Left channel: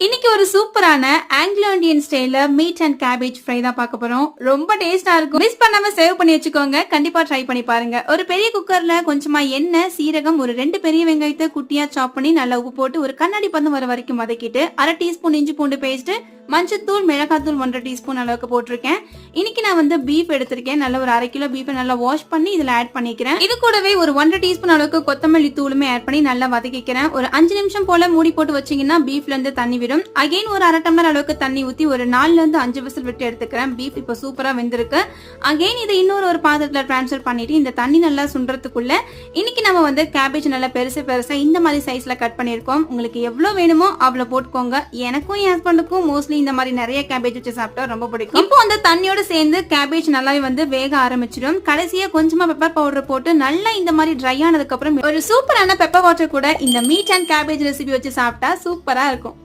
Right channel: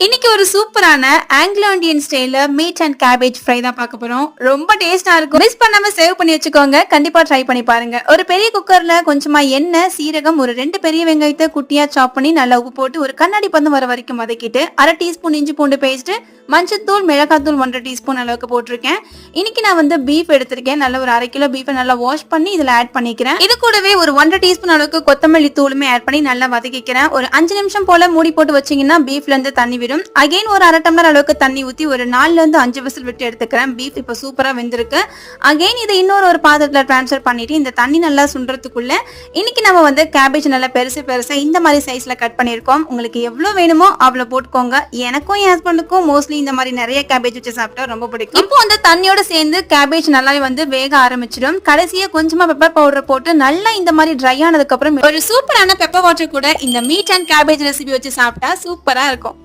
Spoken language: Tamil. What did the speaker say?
இன்னைக்கு ஒரு சூப்பரான ஆங்கிலோ இந்தியன் ஸ்டைல்ல மீட் அண்ட் கேபேஜ் ஃப்ரை தான் பார்க்க போறோம். ரொம்ப டேஸ்டா இருக்கும். மிஸ் பண்ணாம சேவ் பண்ணி வச்சுக்கோங்க. கண்டிப்பா ட்ரை பண்ணி பாருங்க. ஒரு பெரிய குக்கர்ல கொஞ்சமா எண்ணெய், சீரகம், ஒரு 2 பெரிய வெங்காயத்தை குட்டியா சாப் பண்ணி நல்லா உப்பு போட்டு ஒரு கண்ணாடி பதம் வர வரைக்கும் வதக்கிட்டு 1/2 டீஸ்பூன் இஞ்சி பூண்டு பேஸ்ட், மஞ்சத்தூள், மிளகாத்தூள் 1/2 டீஸ்பூன் அளவுக்கு போட்டிருக்கேன். இன்னைக்கு நான் வந்து பீஃப் எடுத்திருக்கேன். நல்ல ஒரு 1/2 கிலோ பீஃபை நல்லா வாஷ் பண்ணி இதுல ஆட் பண்ணிக்கிறேன். இது கூடவே ஒரு 1/2 டீஸ்பூன் அளவுக்கு கொத்தமல்லி தூளுமே ஆட் பண்ணி நல்லா வதக்கிக்கிறேன். ஒரு 5 நிமிஷம் போல மூடி போட்டு வச்சீங்கன்னா பீஃப்ல இருந்து தண்ணி விடும். அகைன் ஒரு 1/2 டம்ளர் அளவுக்கு தண்ணி ஊத்தி ஒரு 4ல இருந்து 5 விசில் விட்டு எடுத்துக்கிறேன். பீஃப் இப்ப சூப்பரா வெந்திருக்கு. அகைன் இதை இன்னொரு பாத்திரத்துல டிரான்ஸ்ஃபர் பண்ணிட்டு இந்த தண்ணி நல்லா சுண்டுறதுக்குள்ள இன்னைக்கு நம்ம வந்து கேபேஜ் நல்லா பெருசு பெருசா இந்த மாதிரி சைஸ்ல கட் பண்ணிருக்கோம். உங்களுக்கு எவ்வளவு வேணுமோ அவ்வளவு போட்டுக்கோங்க. எனக்கும் என் ஹஸ்பண்டுக்கும் மோஸ்ட்லி இந்த மாதிரி நிறைய கேபேஜ் வச்சு சாப்பிட்டா ரொம்ப பிடிக்கும். இப்போ வந்து தண்ணியோட சேர்ந்து கேபேஜ் நல்லாவே வந்து வேக ஆரம்பிச்சிடும். கடைசியா கொஞ்சமா பெப்பர் பவுடர் போட்டு நல்லா இந்த மாதிரி ட்ரை ஆனதுக்கு அப்புறம் ஒரு சூப்பரான பெப்பர் வாட்டர் கூட இந்த மீட் அண்ட் கேபேஜ் ரெசிபி வச்சு சாப்பிட்டா சூப்பரா இருக்கும்.